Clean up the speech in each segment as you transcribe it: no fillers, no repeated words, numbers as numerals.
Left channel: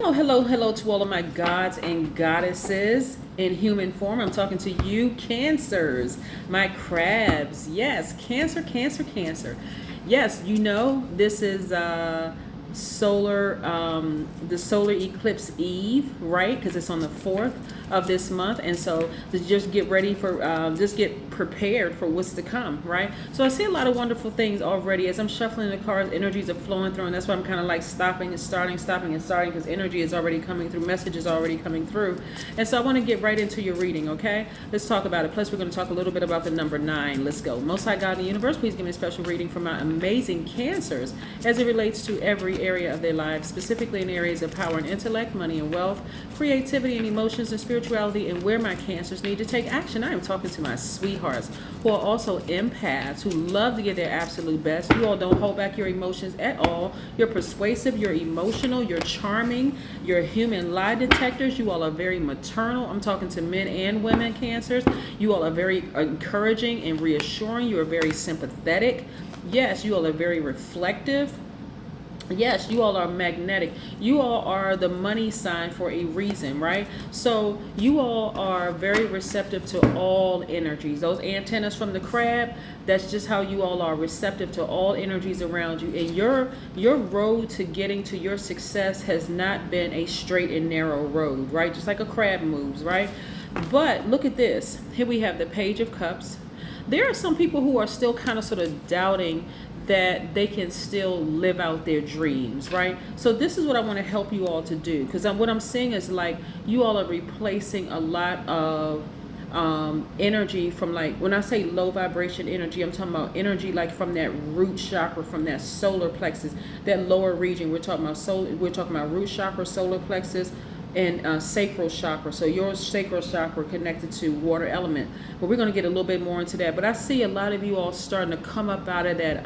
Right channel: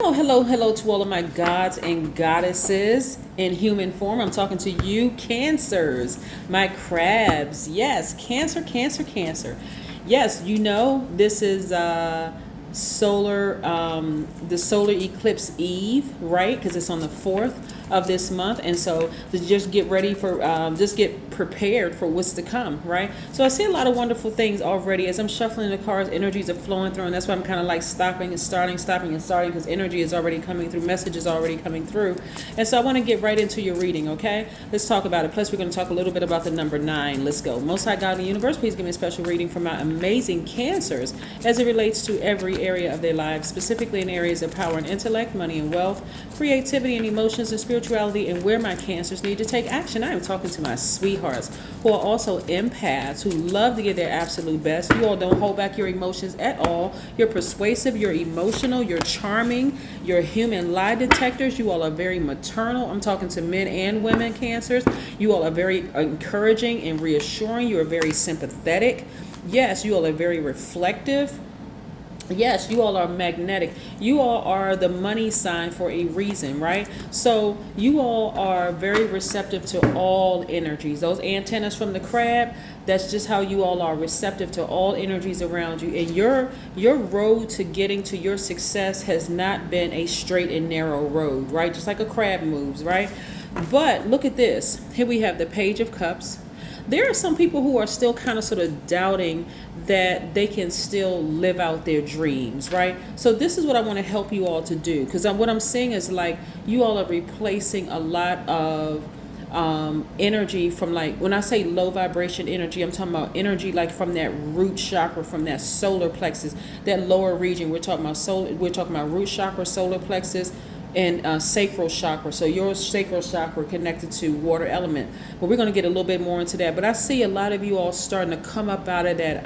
Oh, hello, hello to all of my gods and goddesses in human form. I'm talking to you, Cancers, my crabs. Yes, Cancer, Cancer, Cancer. Yes, you know this is the solar eclipse eve, right? Because it's on the 4th of this month, and so to just get ready for, just get prepared for what's to come, right? So I see a lot of wonderful things already as I'm shuffling the cards. Energies are flowing through, and that's why I'm kind of like stopping and starting, because energy is already coming through, messages already coming through, and so I want to get right into your reading. Okay, let's talk about it. Plus, we're going to talk a little bit about the number 9. Let's go. Most High God in the universe, please give me a special reading for my amazing Cancers as it relates to every area of their lives, specifically in areas of power and intellect, money and wealth, creativity and emotions and spirituality, and where my Cancers need to take action. I am talking to my sweethearts who are also empaths who love to give their absolute best. You all don't hold back your emotions at all. You're persuasive, you're emotional, you're charming, you're human lie detectors. You all are very maternal. I'm talking to men and women Cancers. You all are very encouraging and reassuring. You are very sympathetic. Yes, you all are very reflective. Yes, you all are magnetic. You all are the money sign for a reason, right? So you all are very receptive to all energies. Those antennas from the crab, that's just how you all are receptive to all energies around you. And your road to getting to your success has not been a straight and narrow road, right? Just like a crab moves, right? But look at this. Here we have the Page of Cups. There are some people who are still kind of sort of doubting that they can still live out their dreams, right? So this is what I want to help you all to do, because what I'm seeing is like you all are replacing a lot of energy from, like, when I say low vibration energy, I'm talking about energy like from that root chakra, from that solar plexus, that lower region. We're talking about root chakra, solar plexus, and sacral chakra. So your sacral chakra connected to water element, but we're going to get a little bit more into that. But I see a lot of you all starting to come up out of that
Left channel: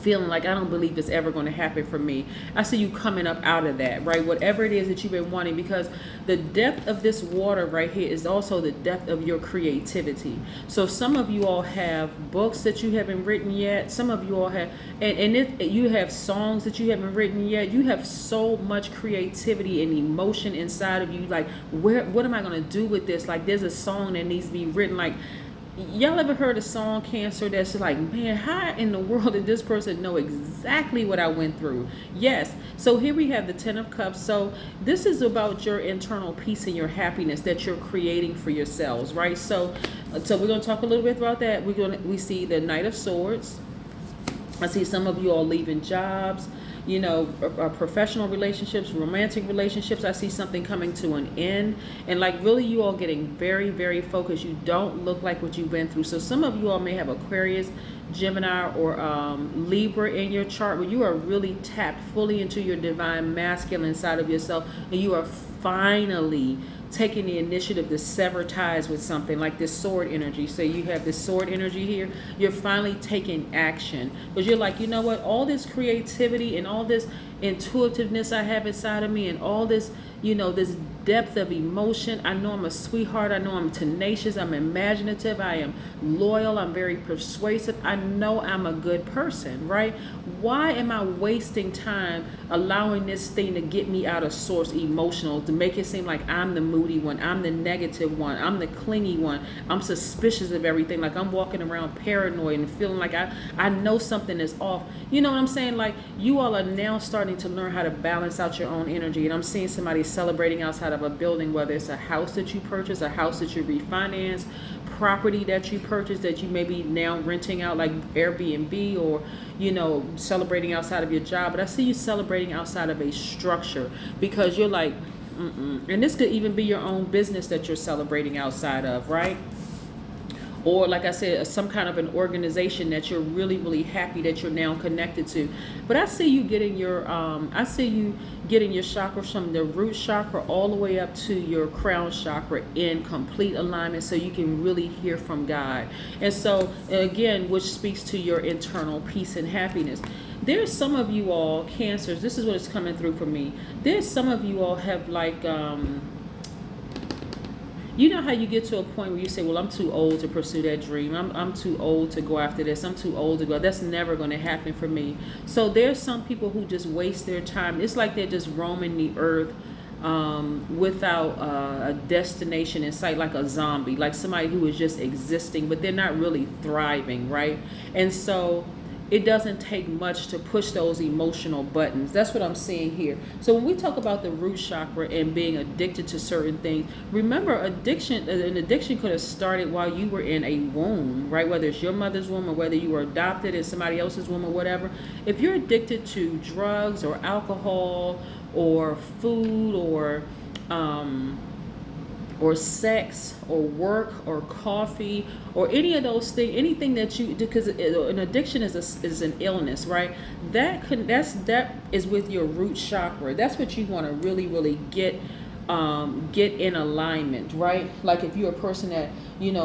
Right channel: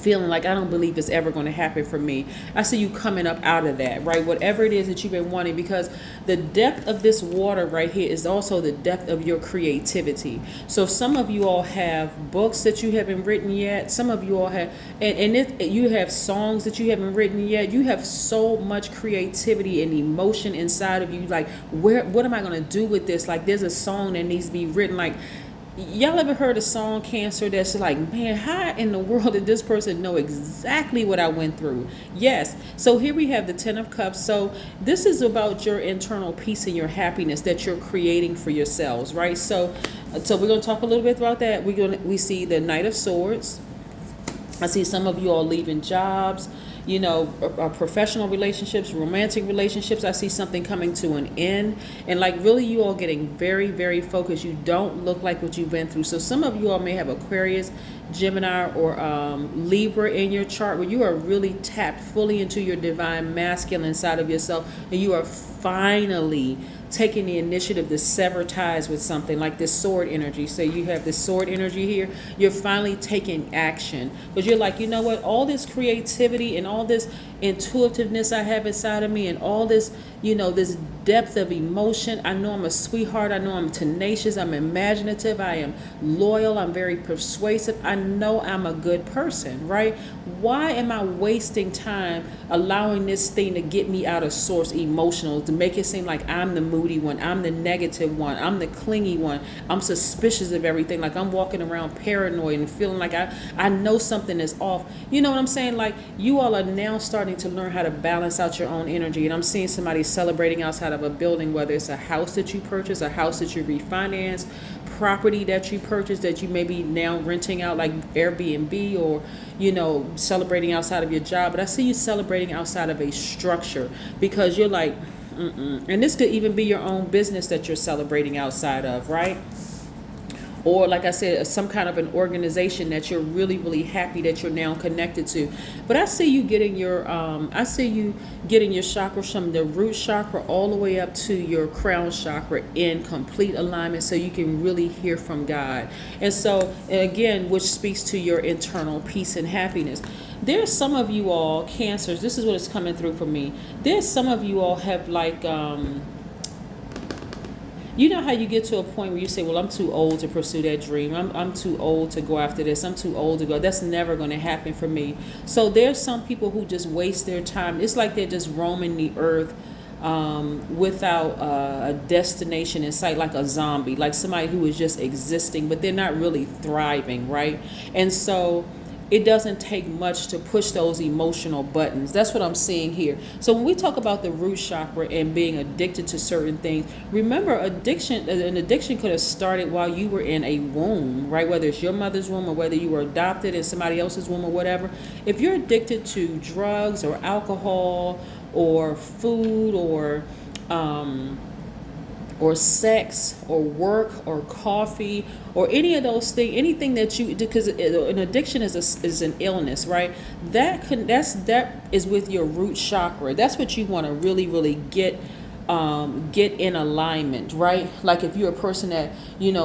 feeling like, I don't believe it's ever going to happen for me. I see you coming up out of that, right? Whatever it is that you've been wanting, because the depth of this water right here is also the depth of your creativity. So some of you all have books that you haven't written yet. Some of you all have, you have songs that you haven't written yet. You have so much creativity and emotion inside of you. Like, what am I going to do with this? Like, there's a song that needs to be written. Like, y'all ever heard a song, Cancer, that's like, man, how in the world did this person know exactly what I went through? Yes. So here we have the 10 of Cups. So this is about your internal peace and your happiness that you're creating for yourselves, right? So we're going to talk a little bit about that. We see the Knight of Swords. I see some of you all leaving jobs, professional relationships, romantic relationships. I see something coming to an end, and like really you all getting very, very focused. You don't look like what you went through. So some of you all may have Aquarius, Gemini, or Libra in your chart, where you are really tapped fully into your divine masculine side of yourself, and you are finally taking the initiative to sever ties with something, like this sword energy. So you have this sword energy here. You're finally taking action, because you're like, you know what, all this creativity and all this intuitiveness I have inside of me, and all this, this depth of emotion. I know I'm a sweetheart. I know I'm tenacious. I'm imaginative. I am loyal. I'm very persuasive. I know I'm a good person, right? Why am I wasting time allowing this thing to get me out of source emotional, to make it seem like I'm the moody one, I'm the negative one, I'm the clingy one, I'm suspicious of everything, like I'm walking around paranoid and feeling like I know something is off. You know what I'm saying? Like, you all are now starting to learn how to balance out your own energy. And I'm seeing somebody celebrating outside of a building, whether it's a house that you purchase, a house that you refinance, property that you purchase that you may be now renting out, like Airbnb, or celebrating outside of your job. But I see you celebrating outside of a structure, because you're like, and this could even be your own business that you're celebrating outside of, right? Or like I said, some kind of an organization that you're really, really happy that you're now connected to. But I see you getting your chakras from the root chakra all the way up to your crown chakra in complete alignment, so you can really hear from God. And so, again, which speaks to your internal peace and happiness. There's some of you all, Cancers, this is what is coming through for me. There's some of you all have like, You know how you get to a point where you say, well, I'm too old to pursue that dream. I'm too old to go after this. I'm too old to go. That's never going to happen for me. So there's some people who just waste their time. It's like they're just roaming the earth without a destination in sight, like a zombie, like somebody who is just existing, but they're not really thriving, right? And so it doesn't take much to push those emotional buttons. That's what I'm seeing here. So when we talk about the root chakra and being addicted to certain things, remember an addiction could have started while you were in a womb, right? Whether it's your mother's womb or whether you were adopted in somebody else's womb or whatever. If you're addicted to drugs or alcohol or food or sex or work or coffee or any of those things, anything that you, because an addiction is an illness, right? That is with your root chakra. That's what you want to really get in alignment, right? Like if you're a person that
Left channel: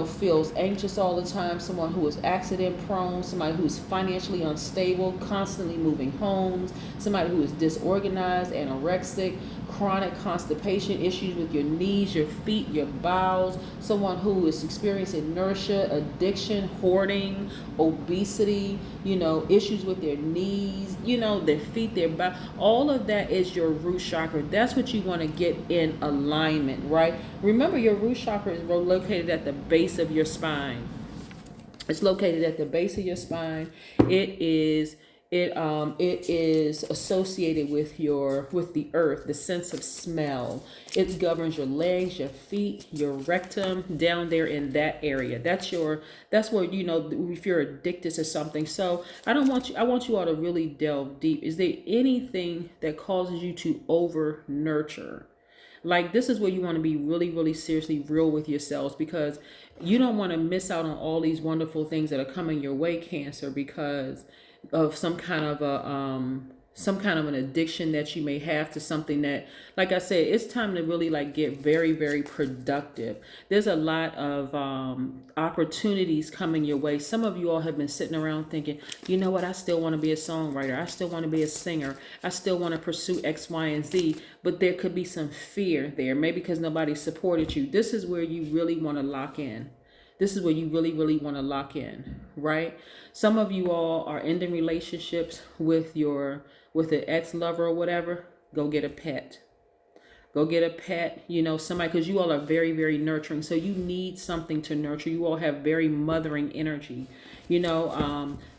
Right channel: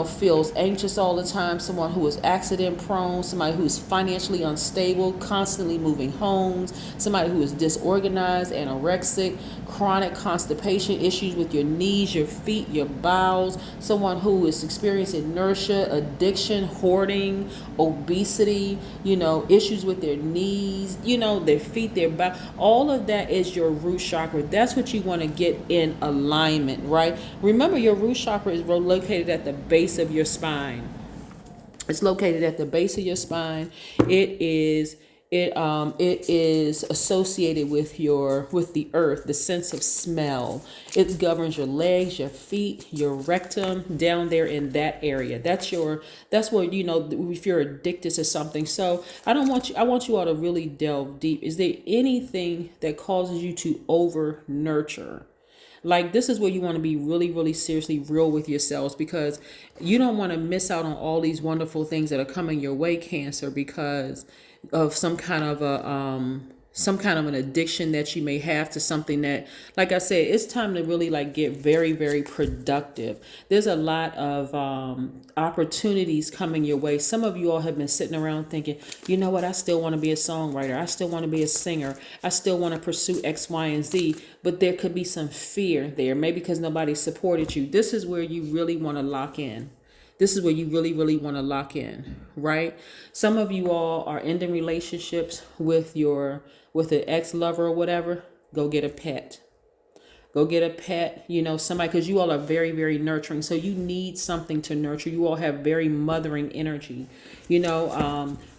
feels anxious all the time, someone who is accident prone, somebody who is financially unstable, constantly moving homes, somebody who is disorganized, anorexic, chronic constipation, issues with your knees, your feet, your bowels, someone who is experiencing inertia, addiction, hoarding, obesity, issues with their knees, their feet, their back, all of that is your root chakra. That's what you want to get in alignment, right? Remember, your root chakra is located at the base of your spine. It's located at the base of your spine. It is associated with the earth, the sense of smell. It governs your legs, your feet, your rectum, down there in that area. That's where if you're addicted to something. So I want you all to really delve deep. Is there anything that causes you to over nurture? Like, this is where you want to be really seriously real with yourselves, because you don't want to miss out on all these wonderful things that are coming your way, Cancer, because of some kind of an addiction that you may have to something that, like I said, it's time to really get very productive. There's a lot of opportunities coming your way. Some of you all have been sitting around thinking, you know what, I still want to be a songwriter, I still want to be a singer, I still want to pursue X, Y, and Z, but there could be some fear there, maybe because nobody supported you. This is where you really want to lock in. This is where you really want to lock in, right? Some of you all are ending relationships with an ex-lover or whatever. Go get a pet. Go get a pet, somebody, because you all are very nurturing. So you need something to nurture. You all have very mothering energy.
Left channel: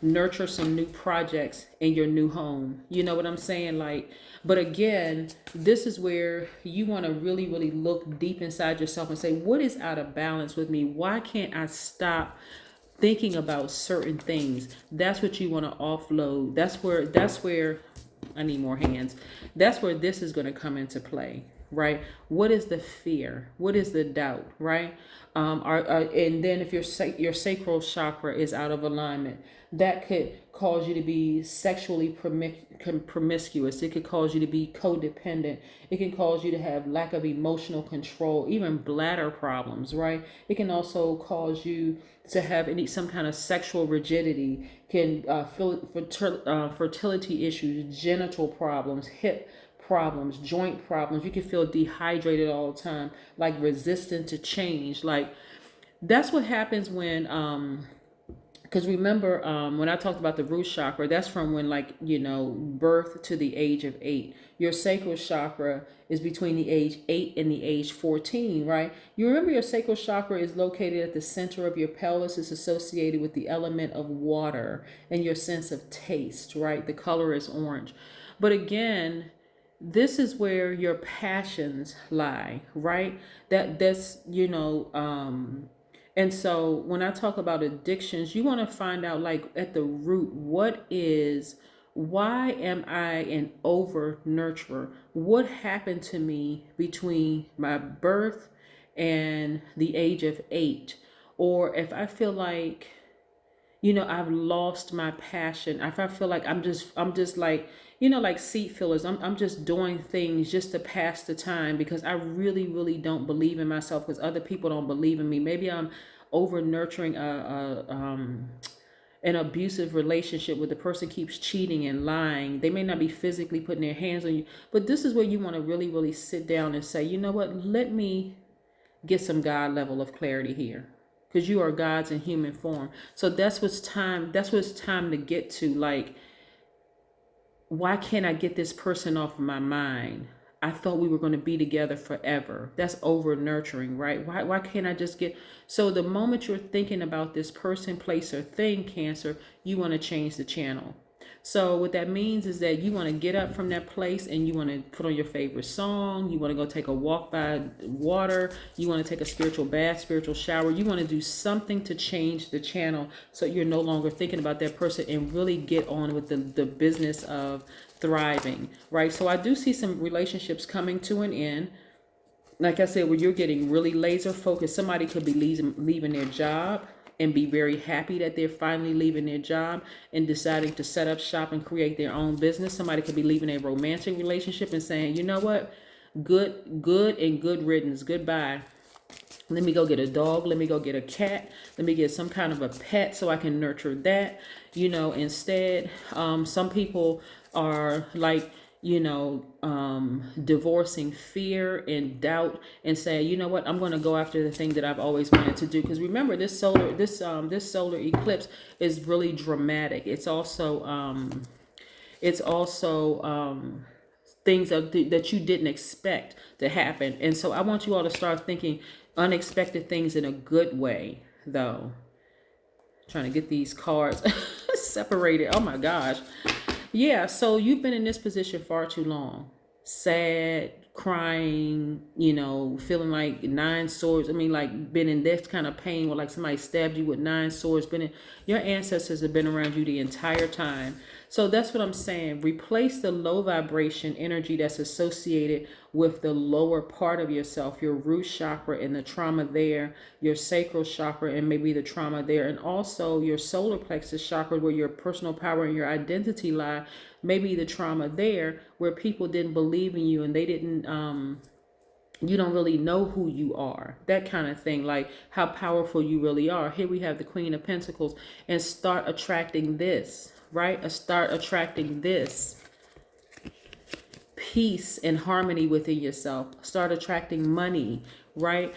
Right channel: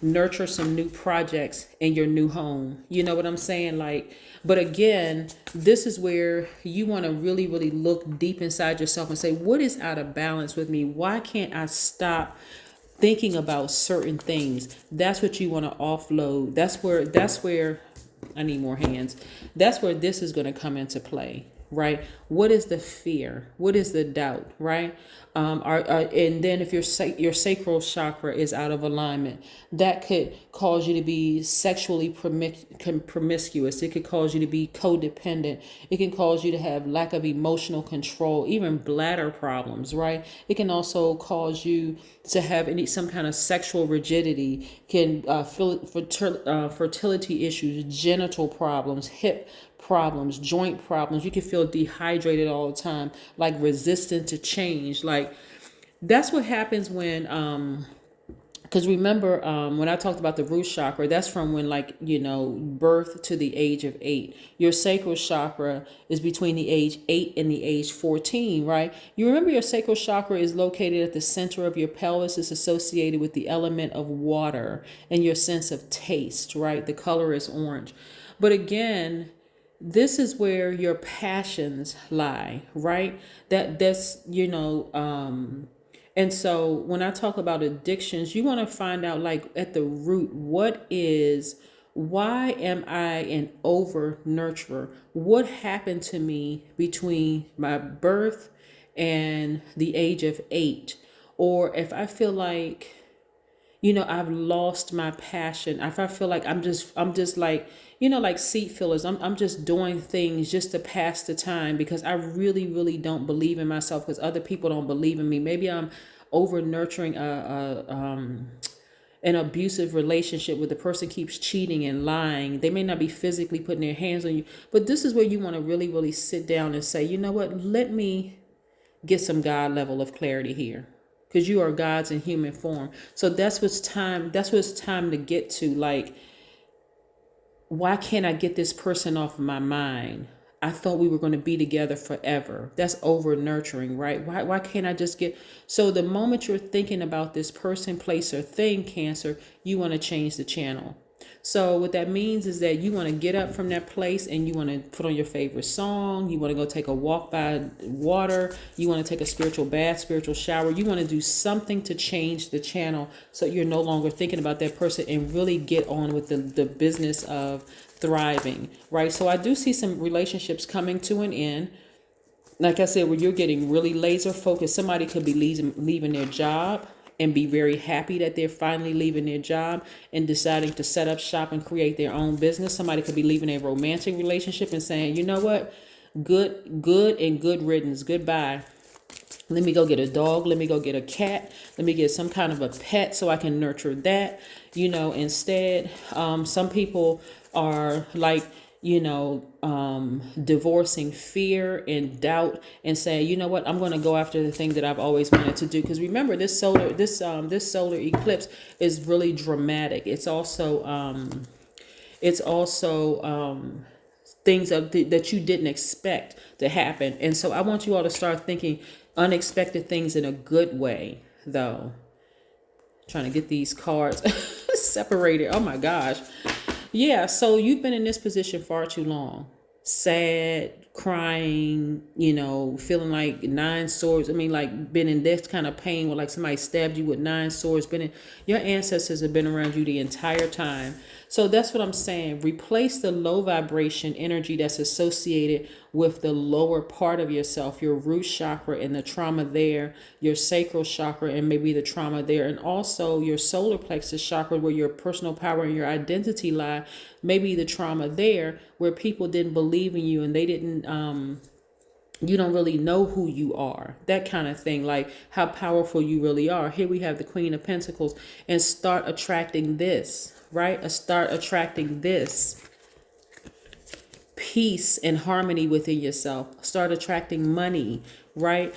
Nurture some new projects in your new home. You know what I'm saying? But again, this is where you want to really look deep inside yourself and say, what is out of balance with me? Why can't I stop thinking about certain things? That's what you want to offload. That's where I need more hands. That's where this is going to come into play, right? What is the fear? What is the doubt, right? And then if your sacral chakra is out of alignment, that could cause you to be sexually promiscuous. It could cause you to be codependent. It can cause you to have lack of emotional control, even bladder problems, right? It can also cause you to have some kind of sexual rigidity, can fertility issues, genital problems, hip problems, joint problems. You can feel dehydrated all the time, resistant to change. That's what happens when because remember, when I talked about the root chakra, that's from when birth to the age of 8. Your sacral chakra is between the age 8 and the age 14, right? You remember your sacral chakra is located at the center of your pelvis. It's associated with the element of water and your sense of taste, right? The color is orange. But again, this is where your passions lie, right? And so when I talk about addictions, you want to find out at the root, why am I an over nurturer? What happened to me between my birth and the age of 8? Or if I feel like, I've lost my passion. If I feel like I'm just like seat fillers. I'm just doing things just to pass the time because I really don't believe in myself because other people don't believe in me. Maybe I'm over nurturing an abusive relationship where the person keeps cheating and lying. They may not be physically putting their hands on you, but this is where you want to really sit down and say, you know what, let me get some God level of clarity here, because you are God's in human form. So that's what's time to get to. Like, why can't I get this person off of my mind? I thought we were going to be together forever. That's over nurturing, right? Why can't I just get... So the moment you're thinking about this person, place, or thing, Cancer, you want to change the channel. So what that means is that you want to get up from that place and you want to put on your favorite song. You want to go take a walk by water. You want to take a spiritual bath, spiritual shower. You want to do something to change the channel so you're no longer thinking about that person and really get on with the business of thriving, right? So I do see some relationships coming to an end. Like I said, where you're getting really laser focused. Somebody could be leaving their job and be very happy that they're finally leaving their job and deciding to set up shop and create their own business. Somebody could be leaving a romantic relationship and saying, you know what, good and good riddance, goodbye. Let me go get a dog. Let me go get a cat. Let me get some kind of a pet so I can nurture that. Instead, some people are like, divorcing fear and doubt and say, you know what, I'm going to go after the thing that I've always wanted to do. Because remember, this solar eclipse is really dramatic. It's also things that you didn't expect to happen. And so I want you all to start thinking unexpected things in a good way, though. Trying to get these cards separated. Oh my gosh. Yeah, so you've been in this position far too long. Sad, crying, feeling like 9 swords. I mean, like, been in this kind of pain where like somebody stabbed you with 9 swords. Your ancestors have been around you the entire time. So that's what I'm saying. Replace the low vibration energy that's associated with the lower part of yourself, your root chakra and the trauma there, your sacral chakra and maybe the trauma there, and also your solar plexus chakra where your personal power and your identity lie, maybe the trauma there where people didn't believe in you and they didn't, you don't really know who you are, that kind of thing, like how powerful you really are. Here we have the Queen of Pentacles, and start attracting this, right? Start attracting this peace and harmony within yourself. Start attracting money, right?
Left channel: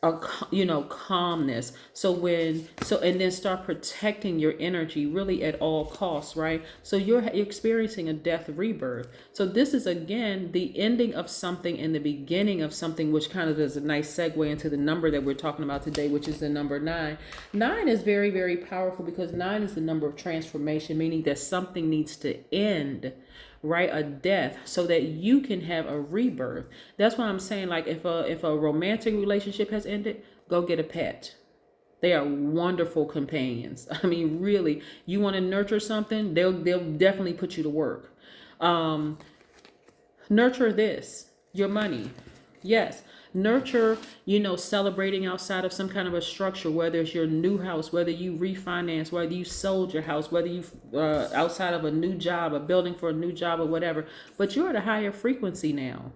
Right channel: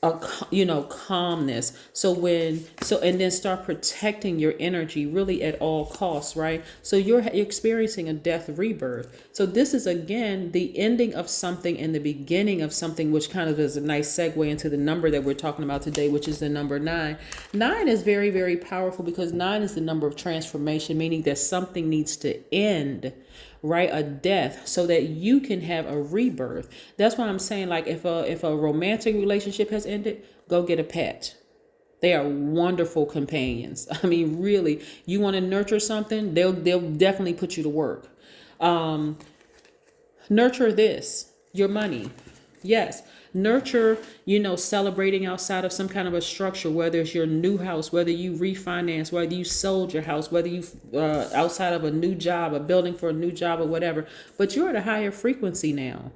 Calmness. And then start protecting your energy really at all costs, right? So you're experiencing a death rebirth. So this is, again, the ending of something and the beginning of something, which kind of is a nice segue into the number that we're talking about today, which is the number 9. 9 is very, very powerful because 9 is the number of transformation, meaning that something needs to end, right? A death, so that you can have a rebirth. That's what I'm saying. Like, if a romantic relationship has ended, go get a pet. They are wonderful companions. I mean, really, you want to nurture something, they'll definitely put you to work. Nurture this, your money. Yes. Nurture, celebrating outside of some kind of a structure, whether it's your new house, whether you refinance, whether you sold your house, whether you outside of a new job, a building for a new job or whatever. But you're at a higher frequency now.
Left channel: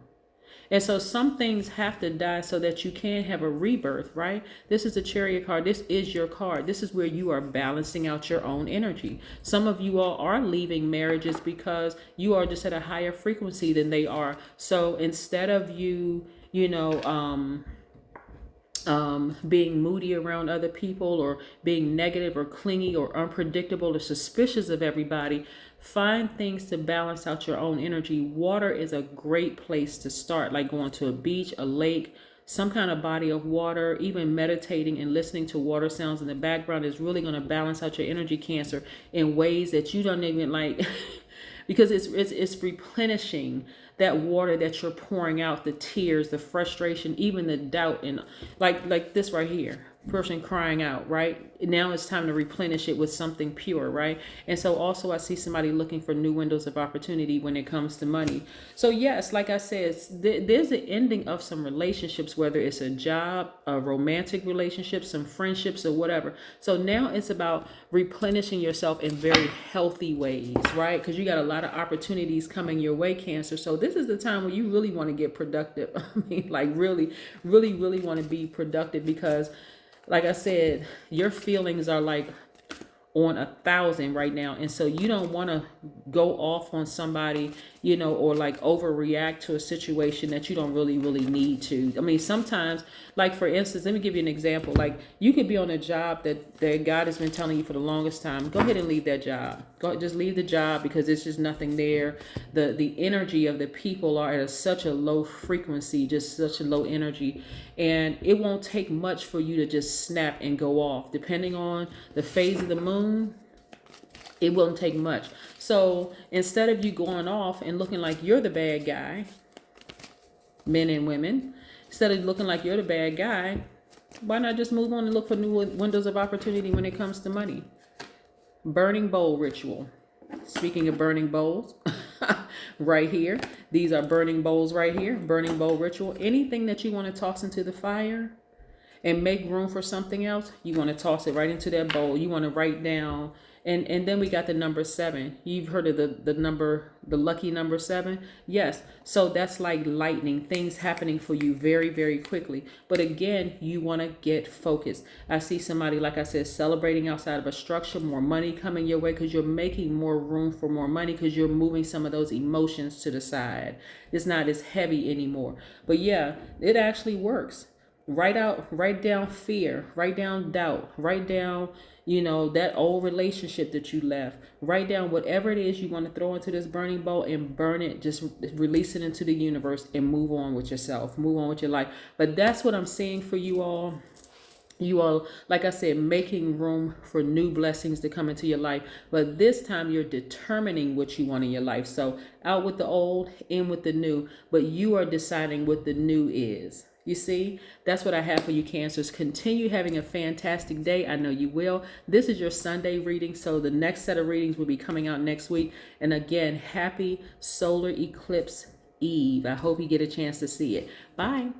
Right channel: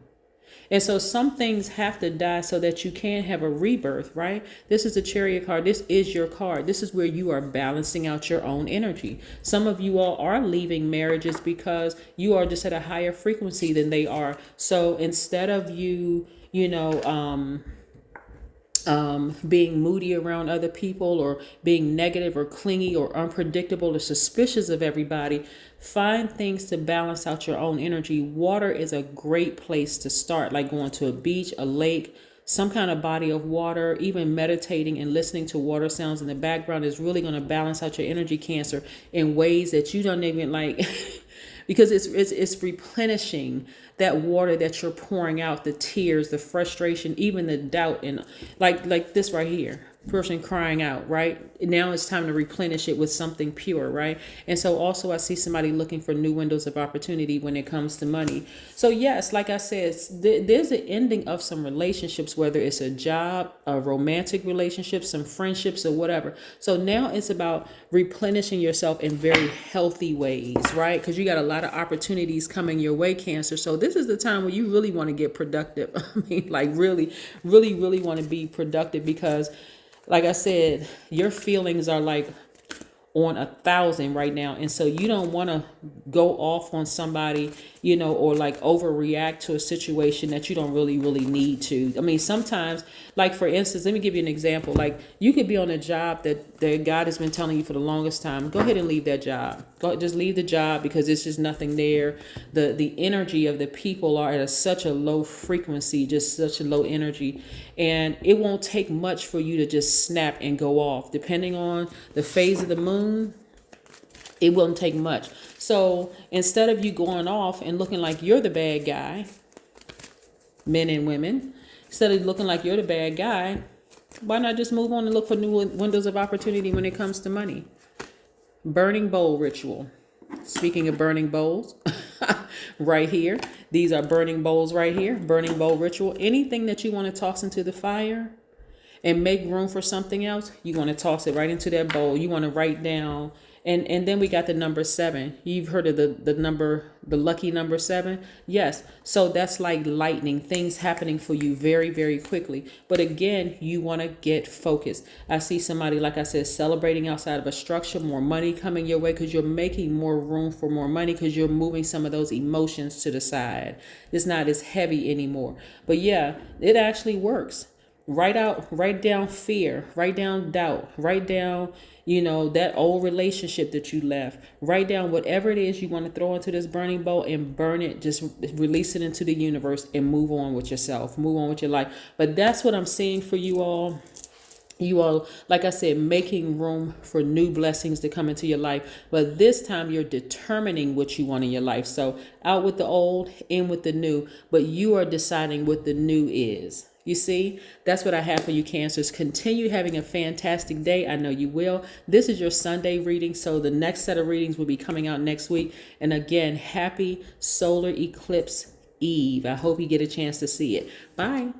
And so some things have to die so that you can have a rebirth, right? This is the Chariot card. This is your card. This is where you are balancing out your own energy. Some of you all are leaving marriages because you are just at a higher frequency than they are. So instead of you, being moody around other people or being negative or clingy or unpredictable or suspicious of everybody, find things to balance out your own energy. Water is a great place to start, like going to a beach, a lake, some kind of body of water. Even meditating and listening to water sounds in the background is really going to balance out your energy, Cancer, in ways that you don't even like because it's replenishing that water that you're pouring out, the tears, the frustration, even the doubt, and like this right here, person crying out, right? Now it's time to replenish it with something pure, right? And so also I see somebody looking for new windows of opportunity when it comes to money. So yes, like I said, there's an ending of some relationships, whether it's a job, a romantic relationship, some friendships or whatever. So now it's about replenishing yourself in very healthy ways, right? Because you got a lot of opportunities coming your way, Cancer. So this is the time where you really want to get productive. I mean, like really, really, really want to be productive because, like I said, your feelings are like on 1,000 right now. And so you don't want to go off on somebody, or like overreact to a situation that you don't really, really need to. I mean, sometimes, like for instance, let me give you an example. Like you could be on a job that God has been telling you for the longest time. Go ahead and leave that job. Just leave the job because it's just nothing there. The energy of the people are at such a low frequency, just such a low energy. And it won't take much for you to just snap and go off. Depending on the phase of the moon, it won't take much. So instead of you going off and looking like you're the bad guy, men and women, instead of looking like you're the bad guy, why not just move on and look for new windows of opportunity when it comes to money? Burning bowl ritual. Speaking of burning bowls, right here, these are burning bowls right here. Burning bowl ritual. Anything that you want to toss into the fire and make room for something else, you want to toss it right into that bowl. You want to write down. And then we got the number 7. You've heard of the lucky number 7? Yes. So that's like lightning, things happening for you very, very quickly. But again, you want to get focused. I see somebody, like I said, celebrating outside of a structure, more money coming your way because you're making more room for more money because you're moving some of those emotions to the side. It's not as heavy anymore. But yeah, it actually works. Write down fear, write down doubt, write down, that old relationship that you left. Write down whatever it is you want to throw into this burning bowl and burn it. Just release it into the universe and move on with yourself. Move on with your life. But that's what I'm seeing for you all. You all, like I said, making room for new blessings to come into your life. But this time you're determining what you want in your life. So out with the old, in with the new. But you are deciding what the new is. You see, that's what I have for you, Cancers. Continue having a fantastic day. I know you will. This is your Sunday reading, so the next set of readings will be coming out next week. And again, happy solar eclipse eve. I hope you get a chance to see it. Bye.